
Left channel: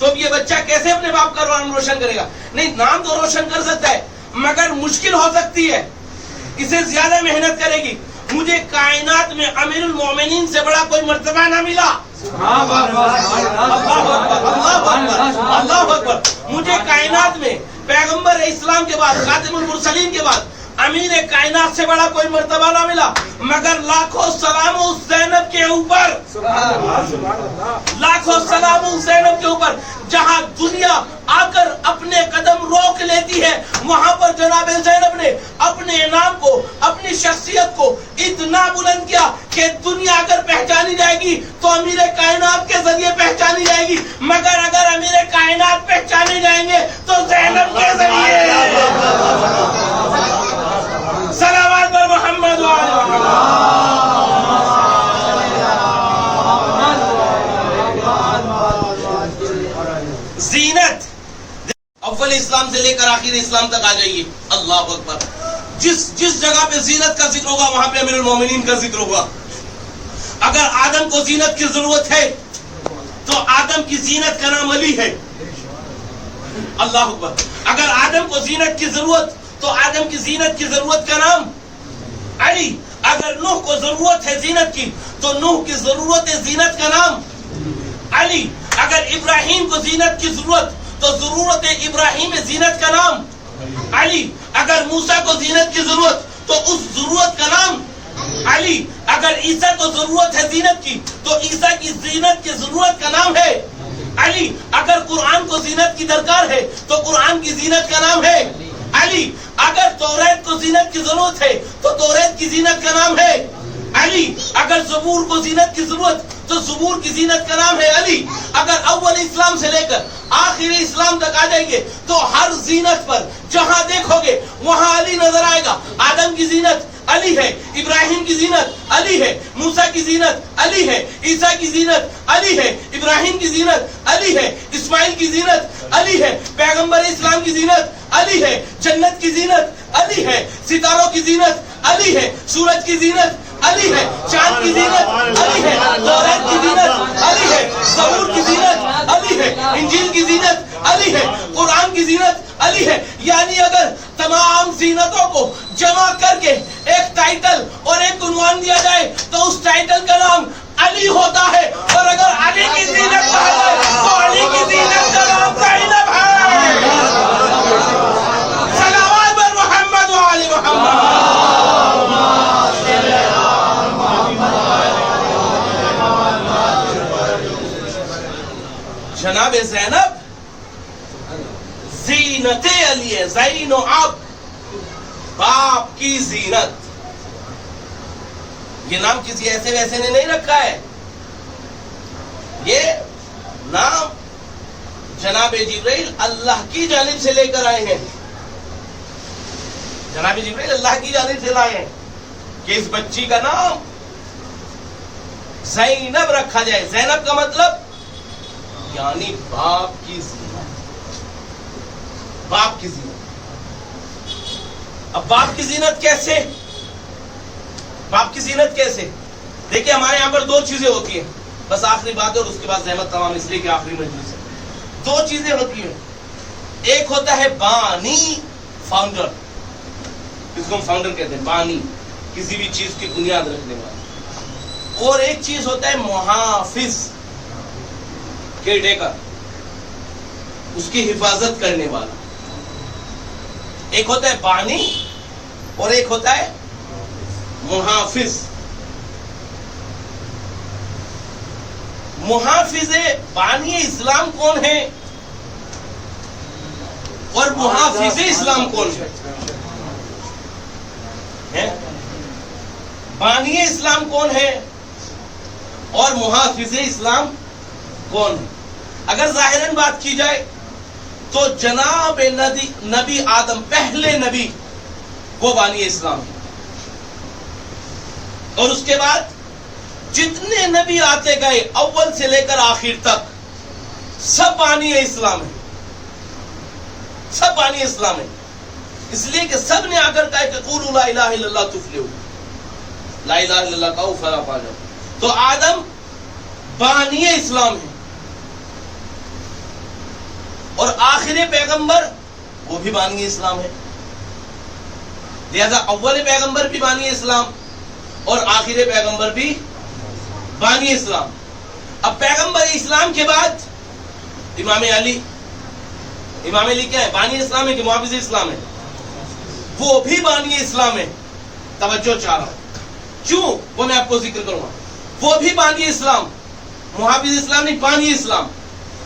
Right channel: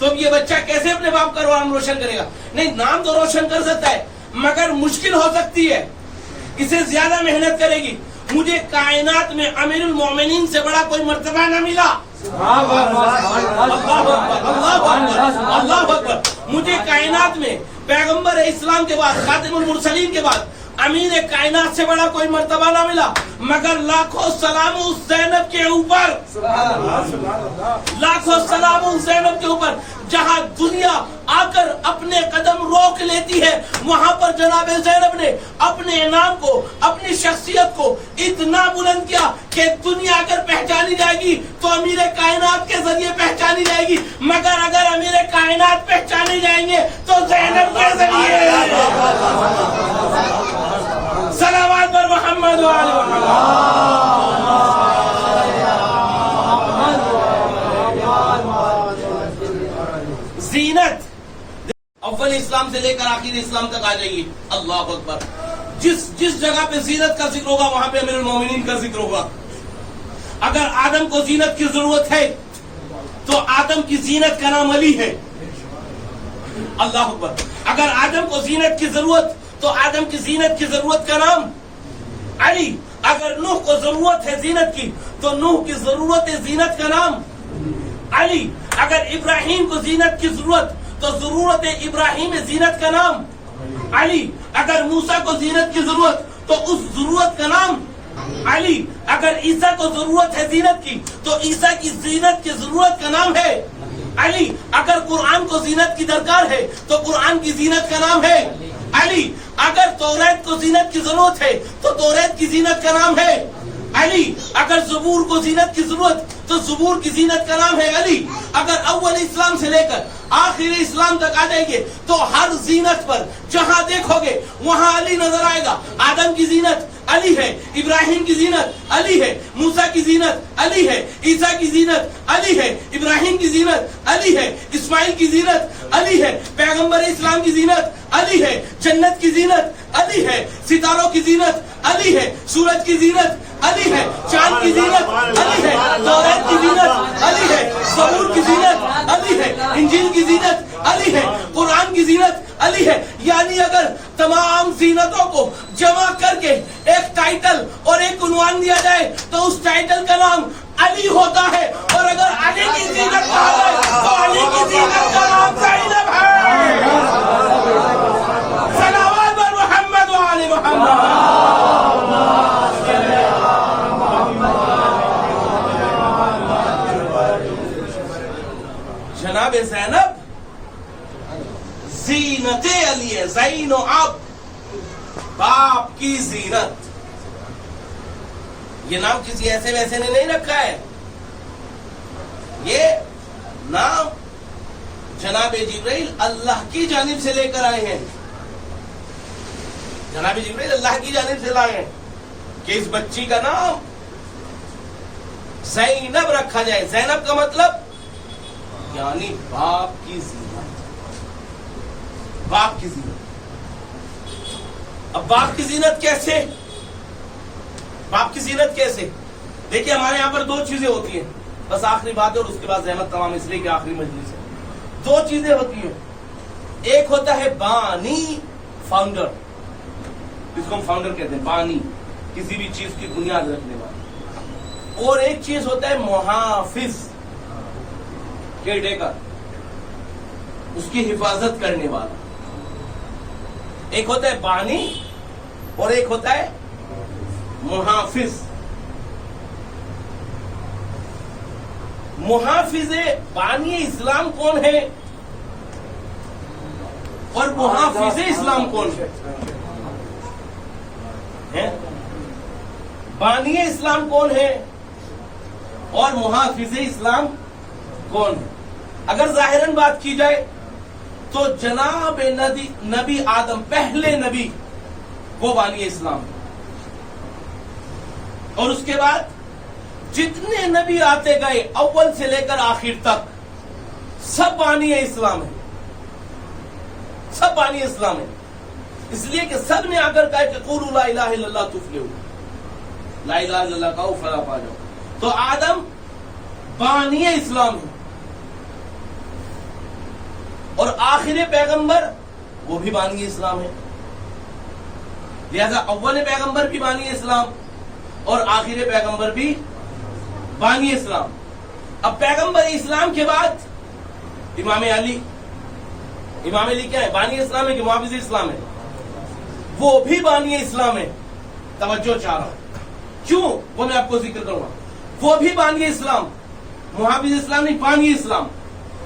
تو اب یہ بچہ کیسے اپنے باپ کا نام روشن کرے گا؟ نہیں، نام تو روشن کر سکتا ہے مگر مشکل ہو سکتی ہے، اسے زیادہ محنت کرے گی۔ مجھے کائنات میں امیر المومنین سے بڑا کوئی مرتبہ نہ ملا۔ اللہ اکبر۔ مجھے کائنات میں پیغمبر اسلام کے بعد، خاتم المرسلین کے بعد امیر کائنات سے بڑا کوئی مرتبہ نہ ملا، مگر لاکھوں سلام اس زینب کے اوپر، لاکھوں سلام اس زینب کے اوپر۔ جہاں دنیا آ کر اپنے قدم روک لیتی ہے، وہاں پر جناب زینب نے اپنے نام کو، اپنی شخصیت کو اتنا بلند کیا کہ دنیا اگر پہچانی جائے گی تو امیر کائنات کے ذریعے پہچانی جائے گی، مگر اگر امیر کائنات پہچانے جائیں گے تو زینب کے ذریعے۔ صلوات بر محمد و آل محمد۔ زینت اول اسلام سے لے کر آخر اسلام تک آ جائیے، اللہ اکبر۔ جس جگہ پہ زینت کا ذکر ہوگا وہاں پہ امیر المومنین کا ذکر ہوگا۔ اگر آدم کو زینت کی ضرورت ہے تو آدم کی زینت کا نام علی ہے، اللہ اکبر۔ اگر آدم کو زینت کی ضرورت تو آدم کی زینت کی ضرورت کا نام علی۔ اگر نوح کو ضرورت ہے زینت کی تو نوح کی ضرورت زینت کا نام علی۔ اگر ابراہیم کو زینت کی ضرورت تو ضرورت ابراہیم زینت کا نام علی۔ اگر موسیٰ کو زینت کی ضرورت تو اس ضرورت کا نام علی۔ اگر عیسیٰ کو ضرورت ہے زینت کی تو عیسیٰ کی زینت کی ضرورت کا نام ہے علی۔ اگر قرآن کو زینت کی درکار ہے تو قرآن کی زینت کا نام ہے علی۔ اگر توریت کو زینت کی ضرورت ہے تو توریت کی زینت کا نام ہے علی۔ اگر زبور کو زینت کی ضرورت تو زبور کی زینت کا نام ہے علی۔ اگر اول اسلام سے لے کر آخر اسلام تک آ جائیں گے تو ہر زینت پر جہاں دیکھو گے وہاں علی نظر آئے گا۔ آدم کی زینت علی ہے، ابراہیم کی زینت علی ہے، موسیٰ کی زینت علی ہے، عیسیٰ کی زینت علی ہے، ابراہیم کی زینت علی ہے، اسماعیل کی زینت علی ہے، پیغمبر اسلام کی زینت علی ہے، جنت کی زینت علی ہے، ستاروں کی زینت علی ہے، سورج کی زینت علی ہے، چاند کی زینت علی ہے، توریت کی زینت علی ہے، زبور کی زینت علی ہے، انجیل کی زینت علی ہے، قرآن کی زینت علی ہے۔ یعنی اگر تمام زینتوں کو جمع کر کے ایک ٹائٹل اور ایک عنوان دیا جائے تو اس ٹائٹل کا نام علی ہوتا ہے، اور اگر علی کی زینت کہا جائے تو علی کی زینت کا نام زینب ہے۔ صلوات بر محمد و آل محمد۔ جناب زینب زینت علی ہے، زین و اب، باپ کی زینت۔ یہ نام کسی ایسے ویسے نے نہیں رکھا ہے، یہ نام جناب جبرائیل اللہ کی جانب سے لے کر آئے ہیں، جناب جبرائیل اللہ کی جانب سے لائے ہیں کہ اس بچی کا نام زینب رکھا جائے۔ زینب کا مطلب یعنی باپ کی زینت، باپ کی زینت۔ اب باپ کی زینت کیسے؟ باپ کی زینت کیسے؟ دیکھیں ہمارے یہاں پر دو چیزیں ہوتی ہیں، بس آخری بات ہے اور اس کے بعد زحمت تمام، اس لیے کہ آخری مجلس ہے۔ دو چیزیں ہوتی ہیں، ایک ہوتا ہے بانی، فاؤنڈر، اس کو ہم فاؤنڈر کہتے ہیں، بانی، کسی بھی چیز کی بنیاد رکھنے والا، اور ایک چیز ہوتا ہے محافظ، کیئر ٹیکر، اس کی حفاظت کرنے والا۔ ایک ہوتا ہے بانی اور ایک ہوتا ہے محافظ۔ محافظ بانی اسلام کون ہے اور محافظ اسلام کون ہے؟ بانی اسلام کون ہے اور محافظ اسلام کون ہے؟ اگر ظاہراً بات کی جائے تو جناب نبی آدم، پہلے نبی، وہ بانی اسلام ہے، اور اس کے بعد جتنے نبی آتے گئے اول سے لے کر آخر تک سب بانی اسلام ہے، سب بانی اسلام ہے، اس لیے کہ سب نے آ کر کہا کہ قولوا لا الہ الا اللہ تفلحوا، لا الہ الا اللہ کہو فلاح پا جاؤ۔ تو آدم بانی اسلام ہے، اور آخر پیغمبر وہ بھی بانی اسلام ہے. لہذا اول پیغمبر بھی بانی اسلام اور آخر پیغمبر بھی بانی اسلام. اب پیغمبر اسلام کے بعد امام علی کیا ہے؟ بانی اسلام ہے کہ محافظ اسلام ہے؟ وہ بھی بانی اسلام ہے. توجہ چاہ رہا ہوں کیوں وہ میں آپ کو ذکر کروں گا. وہ بھی بانی اسلام، محافظ اسلام نہیں، بانی اسلام.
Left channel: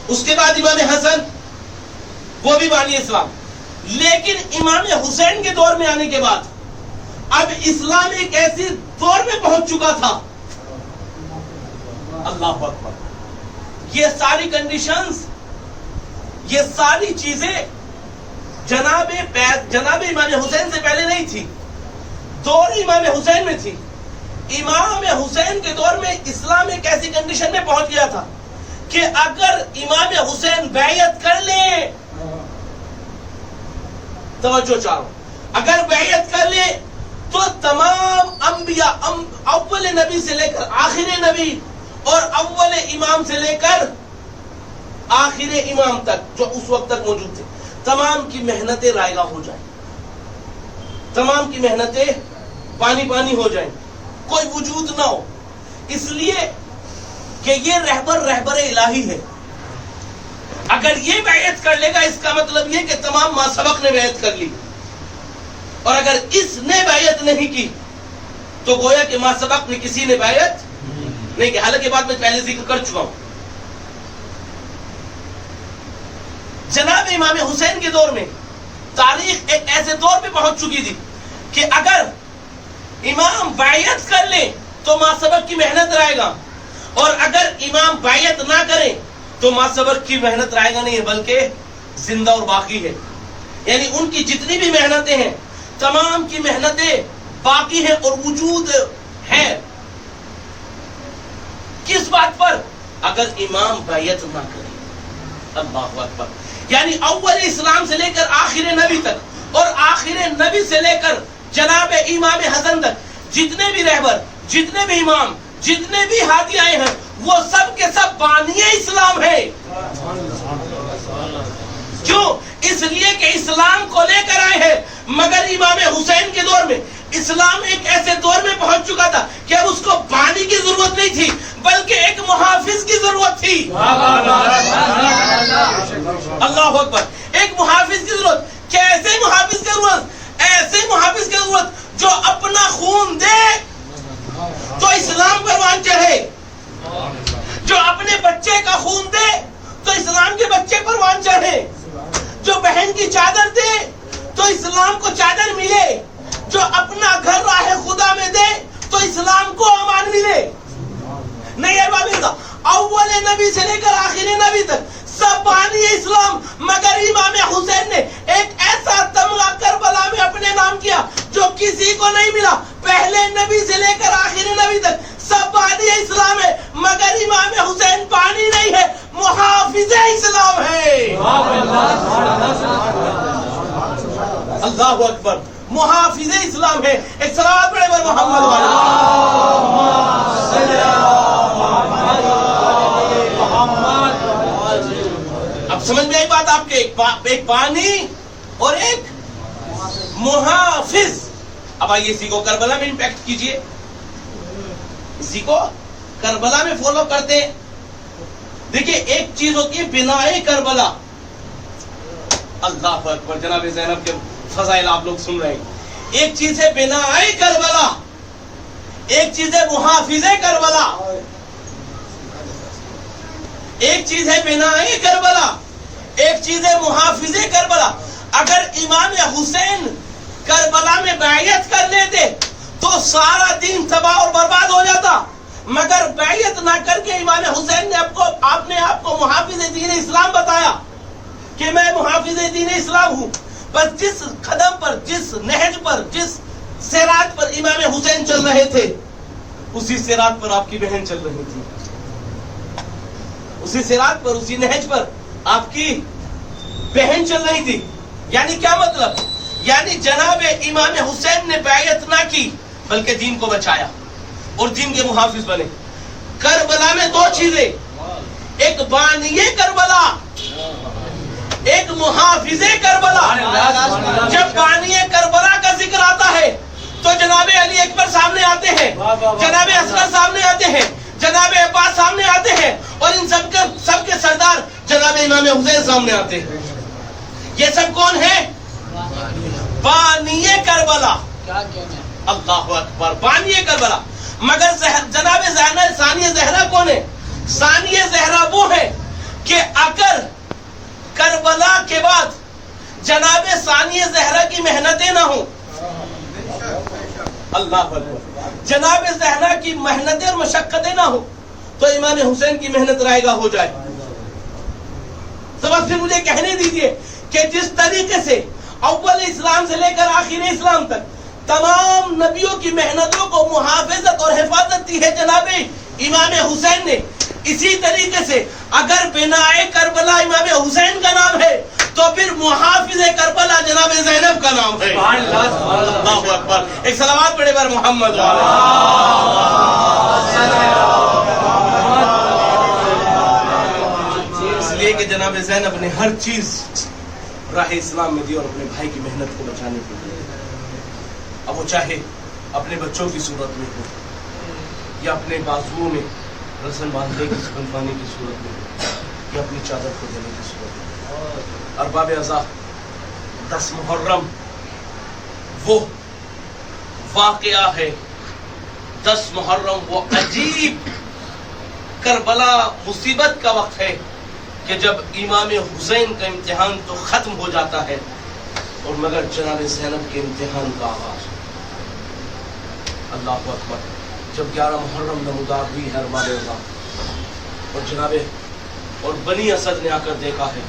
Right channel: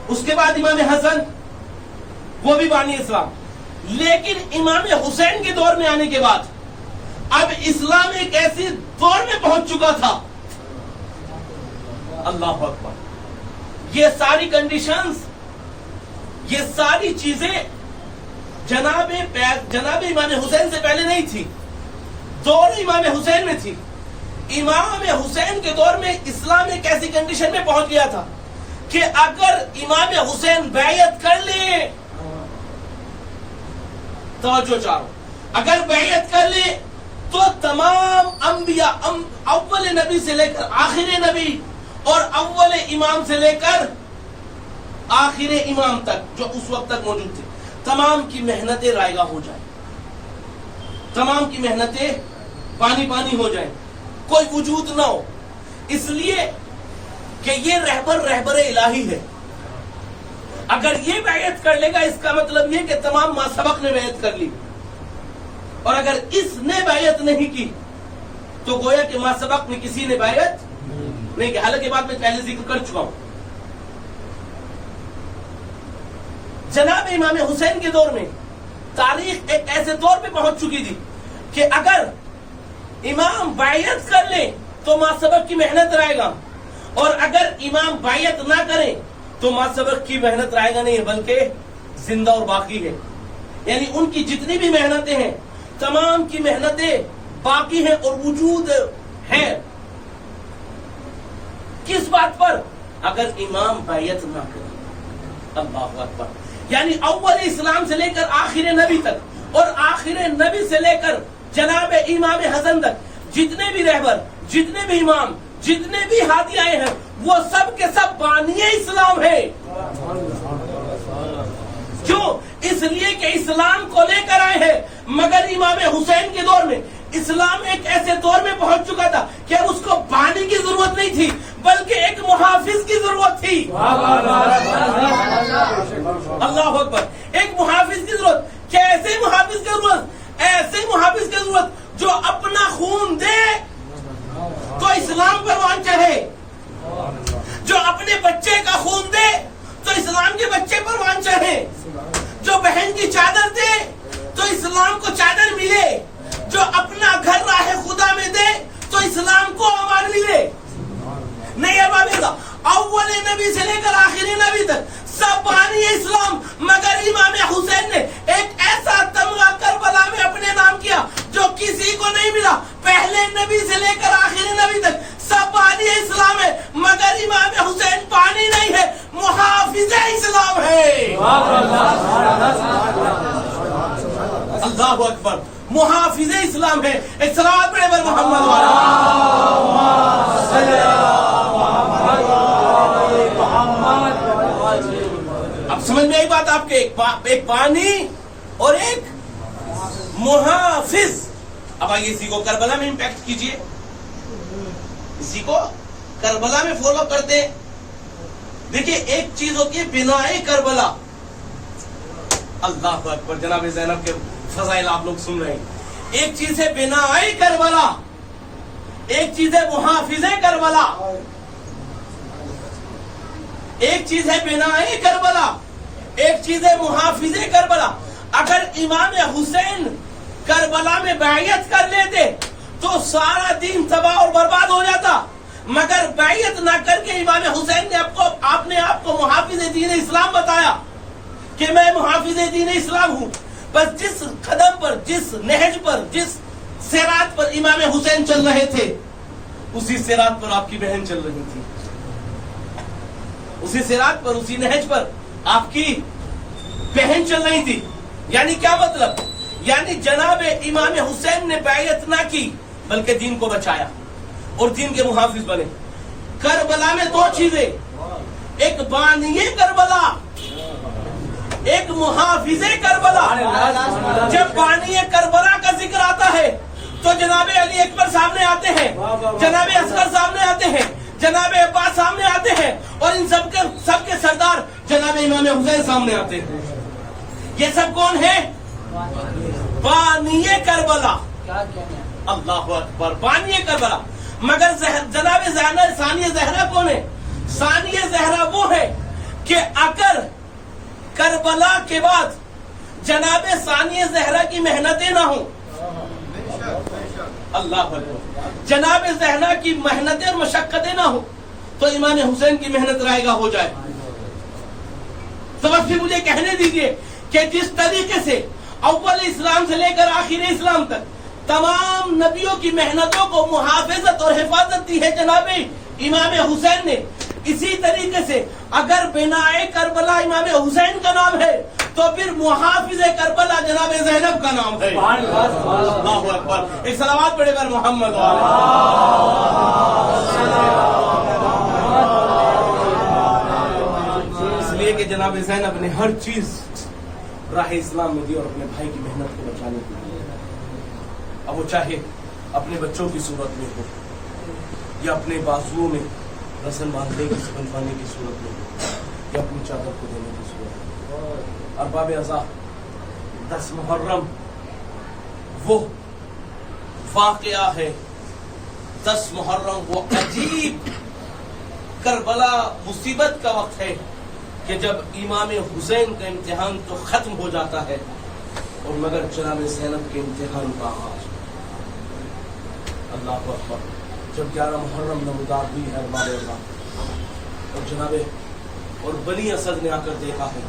اس کے بعد امام حسن وہ بھی بانی اسلام. لیکن امام حسین کے دور میں آنے کے بعد اب اسلام ایک ایسی دور میں پہنچ چکا تھا. اللہ اکبر. یہ ساری کنڈیشنز، یہ ساری چیزیں جناب امام حسین سے پہلے نہیں تھی، دور امام حسین میں تھی. امام حسین کے دور میں اسلام ایک ایسی کنڈیشن میں پہنچ گیا تھا کہ اگر امام حسین بیعت کر لیں، توجہ چاہو، اگر بیعت کر لیں تو تمام انبیاء، اول نبی سے لے کر آخر نبی اور اول امام سے لے کر آخر امام تک جو اس وقت تک موجود تھے، تمام کی محنتیں رائگاں ہو جائیں، تمام کی محنتیں پانی پانی ہو جائیں، کوئی وجود نہ ہو. اس لیے کہ یہ رہبر الہی ہے. اگر یہ بیعت کر لے گا اس کا مطلب یہ کہ تمام ما سبق نے بیعت کر لی، اور اگر اس نے بیعت نہیں کی تو گویا کہ ما سبق میں کسی نے بیعت نہیں کی. حالانکہ بات میں پہلے ذکر کر چکا ہوں. جناب امام حسین کے دور میں تاریخ ایک ایسے دور پہ پہنچ چکی تھی کہ اگر امام بیعت کر لے تو ما سبق کی محنت رہے گا، اور اگر امام بیعت نہ کرے تو ما سبق کی محنت رہے گا نہیں، بلکہ زندہ اور باقی ہے. یعنی ان کی جتنی بھی محنتیں ہیں تمام کی محنتیں باقی ہیں اور وجود ہے. کس بات پر؟ اگر امام بیعت نہ کرے. اللہ اکبر. یعنی اول اسلام سے لے کر آخر نبی تک اور آخر نبی سے لے کر جناب امام حسن تک جتنے بھی رہبر، جتنے بھی امام، جتنے بھی ہادی آئے ہیں وہ سب کے سب بانی اسلام ہے. کیوں؟ اس لیے کہ اسلام کو لے کر آئے ہیں. مگر امام حسین کے دور میں اسلام ایک ایسے دور میں پہنچ چکا تھا کہ اب اس کو بانی کی ضرورت نہیں تھی بلکہ ایک محافظ کی ضرورت تھی. اللہ اکبر. ایک محافظ کی ضرورت. کیسے محافظ کی ضرورت؟ ایسے محافظ کی ضرورت جو اپنا خون دے تو اسلام پروان چڑھے، جو اپنے بچے کا خون دے تو اسلام کے بچے پروان چڑھے، جو بہن کی چادر دے تو اسلام کو چادر ملے، جو اپنا گھر راہ خدا میں دے تو اسلام کو امان ملے. نہیں اول نبی سے لے کر آخر نبی تک سب بانی اسلام، مگر امام حسین نے ایک ایسا تمغہ کربلا میں اپنے نام کیا جو کسی کو نہیں ملا. پہلے نبی سے لے کر آخر نبی تک سب بانی اسلام ہے، مگر امام حسین بانی نہیں ہے، محافظ اسلام ہے. اللہ اکبر. محافظ اسلام ہے. ایک صلوات پڑھے بر محمد اب سمجھ میں آئی بات آپ کے؟ ایک بانی اور ایک محافظ. اب آئیے اسی کو کربلا میں امپیکٹ کیجئے، اسی کو کربلا میں فالو کرتے ہیں. دیکھیے ایک چیز ہوتی ہے بنائے کربلا. اللہ اکبر. جناب زینب کے فضائل آپ لوگ سن رہے ہیں. ایک چیز ہے بنائے کربلا، ایک چیز ہے محافظ کربلا. ایک چیز ہے بنائے کربلا، ایک چیز ہے محافظ کربلا. اگر امام حسین کربلا میں بیعت کر لیتے تو سارا دین تباہ اور برباد ہو جاتا. مگر بیعت نہ کر کے امام حسین نے اپنے آپ کو محافظ دین اسلام بتایا کہ میں محافظ دین اسلام ہوں. بس جس قدم پر، جس نہج پر، جس صراط پر امام حسین چل رہے تھے اسی صراط پر آپ کی بہن چل رہی تھی، اسی صراط پر، اسی نہج پر آپ کی بہن چل رہی تھی. یعنی کیا مطلب؟ یعنی جناب امام حسین نے بیعت نہ کی بلکہ دین کو بچایا اور دین کے محافظ بنے. کربلا میں دو چیزیں، ایک بانی کربلا، ایک محافظ کربلا. جب بانی کربلا کا ذکر آتا ہے تو جناب علی اکبر سامنے آتے ہیں, جناب اصغر سامنے آتے ہیں, جناب عباس سامنے آتے ہیں, اور ان سب کے سردار جناب امام حسین سامنے آتے ہیں. یہ سب کون ہیں؟ بانی کربلا. اللہ اکبر, بانی کربلا. مگر جناب ثانیہ زہرا کون ہے؟ ثانیہ زہرا وہ ہے کہ اگر کربلا کے بعد جناب ثانیہ زہرا کی محنتیں نہ ہوں, اللہ اکبر, جناب زہرا کی محنتیں اور مشقتیں نہ ہوں, تو امام حسین کی محنت رائے گا ہو جائے. تو بس پھر مجھے کہنے دیجئے کہ جس طریقے سے اول اسلام سے لے کر آخر اسلام تک تمام نبیوں کی محنتوں کو محافظت اور حفاظت دی ہے جناب امام حسین نے, اسی طریقے سے اگر بنائے کربلا امام حسین کا نام ہے تو پھر محافظ کربلا جناب زینب کا نام ہے. اللہ اکبر. ایک صلوات پڑھے بر محمد. اس لیے کہ جناب زینب نے ہر چیز راہ اسلام میں دی اور اپنے بھائی کی محنت کو بچانے کے لیے. اب وہ چاہے اپنے بچوں کی صورت میں ہو یا اپنے بازوؤں میں رسن باندھنے کی بندھوانے کی صورت میں یا اپنی چادر کو دینے کی صورت میں. ارباب ازا 10 محرم وہ واقعہ ہے, 10 محرم وہ عجیب کربلا مصیبت کا وقت ہے کہ جب امام حسین کا امتحان تو ختم ہو جاتا ہے اور مگر جناب زینب کے امتحان کا آغاز. اللہ اکبر. جب 11 محرم نمودار ہوئی ہے ارباب ازا, اور جناب اور بنی اسد نے آ کر دیکھا ہے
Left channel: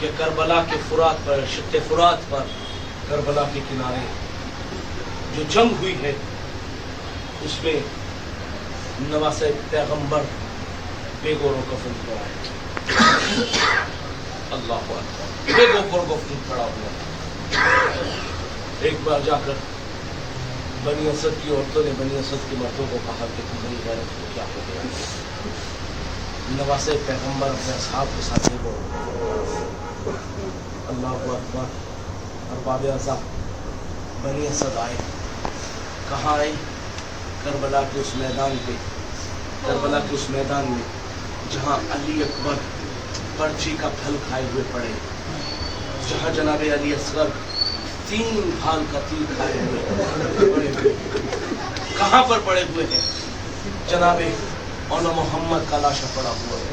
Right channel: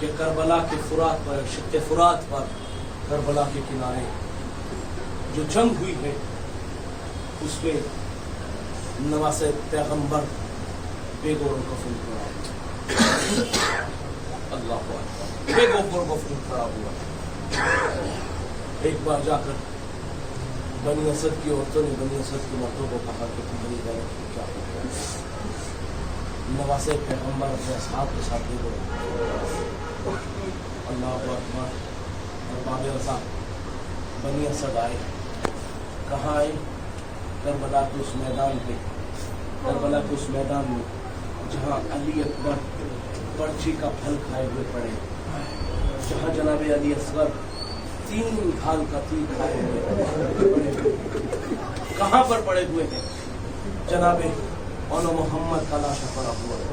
کہ کربلا کے فرات پر, شق فرات پر, کربلا کے کنارے جو جنگ ہوئی ہے اس میں نواسہ پیغمبر بے گور و کفن پڑا ہے. اللہ اکبر. بے گور و کفن پڑا ہوا. ایک بار جا کر بنی اسد کی عورتوں نے بنی اسد کے مردوں کو کہا کہ تمہاری غیرت کو کیا ہو گیا؟ نواسہ پیغمبر اپنے اصحاب کے ساتھ ہی وہ. اللہ اکبر. ارباب ازا بنی اسد آئے. کہاں آئے؟ کربلا کے اس میدان پہ, کربلا کے اس میدان میں جہاں علی اکبر پرچی کا پھل کھائے ہوئے پڑے, جہاں جناب علی اصغر 3 بھال کا تیر کھائے ہوئے پڑے ہوئے. کہاں پر پڑے ہوئے ہیں؟ جناب مولانا محمد کا لاشا پڑا ہوا ہے.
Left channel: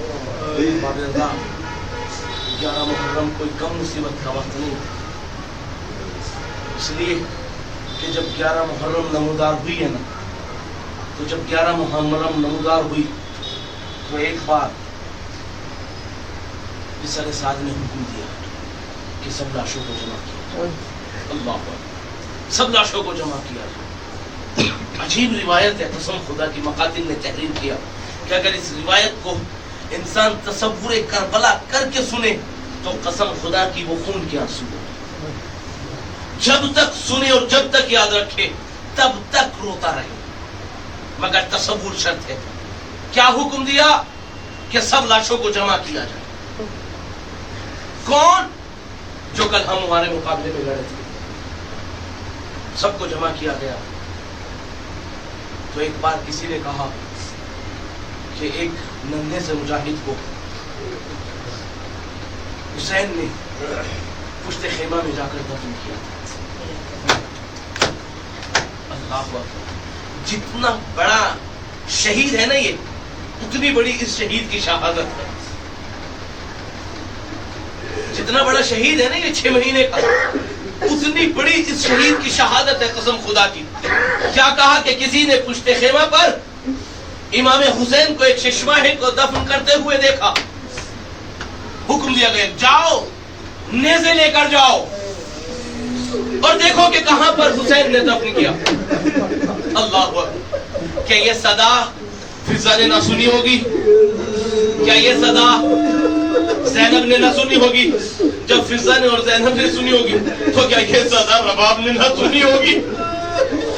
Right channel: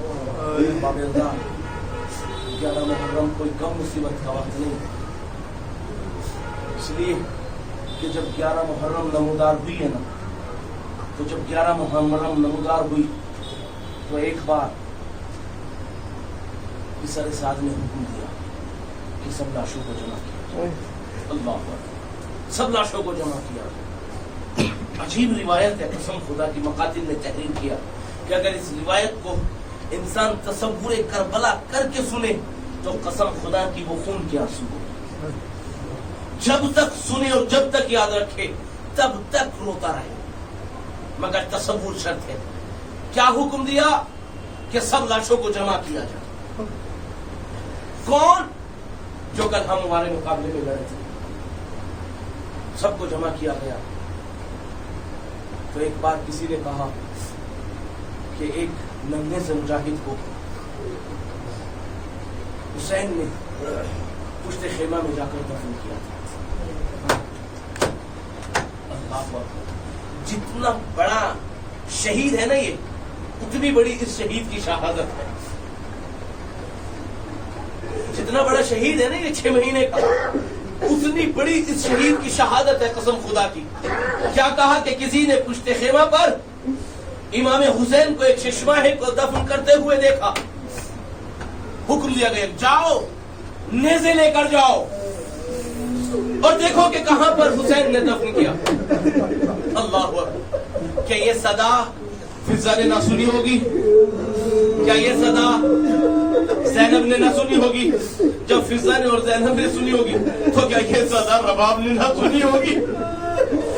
11 محرم کوئی کم مصیبت کا وقت نہیں, اس لیے کہ جب 11 محرم نمودار ہوئی ہے نا, تو جب 11 محرم نمودار ہوئی تو ایک بار بسر سعد نے حکم دیا کہ سب لاشوں کو جمع کیا. اللہ اکبر. سب لاشوں کو جمع کیا. عجیب روایت ہے, قسم خدا کی مقاتل نے تحریر کیا کہ اگر اس روایت کو انسان تصور کربلا کر کے سنے تو قسم خدا کی وہ خون کے آنسو ہو. جب تک سنے اور جب تک یاد رکھے تب تک روتا رہے, مگر تصور شرط ہے. کیا حکم دیا؟ کہ سب لاشوں کو جمع کیا جائے. کون؟ جو کل ہم ہمارے مقابلے میں لڑے تھے, سب کو جمع کیا گیا. تو ایک بار کسی نے کہا کہ ایک ننھے سے مجاہد کو حسین نے پشت خیمہ میں جا کر دفن کیا تھا. اللہ اکبر. جتنا بڑا شہید ہے نا یہ, اتنی بڑی اس شہید کی شہادت ہے. جتنا بڑا شہید ہے نا یہ 6 مہینے کا, اتنی بڑی اس شہید کی شہادت ہے قسم خدا کی. کیا کہا کہ کسی نے پشت خیمہ پر امام حسین کو ایک ششماہے کو دفن کرتے ہوئے دیکھا. حکم دیا گیا جاؤ نیزے لے کر جاؤ اور دیکھو کہ کہاں پر حسین نے دفن کیا. اللہ اکبر. کیا یہ صدا فضا نے نہ سنی ہوگی؟ کیا یہ صدا زینب نے نہ سنی ہوگی؟ جب فضا نے اور زینب نے سنی ہوگی تو کیا یہ صدا رباب نے نہ سنی ہوگی؟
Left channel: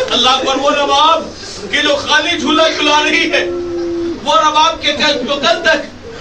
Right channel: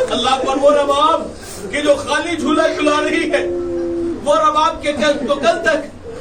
اللہ اکبر. وہ رباب کہ جو خالی جھولا جھلا رہی ہے, وہ رباب کے جو کل تک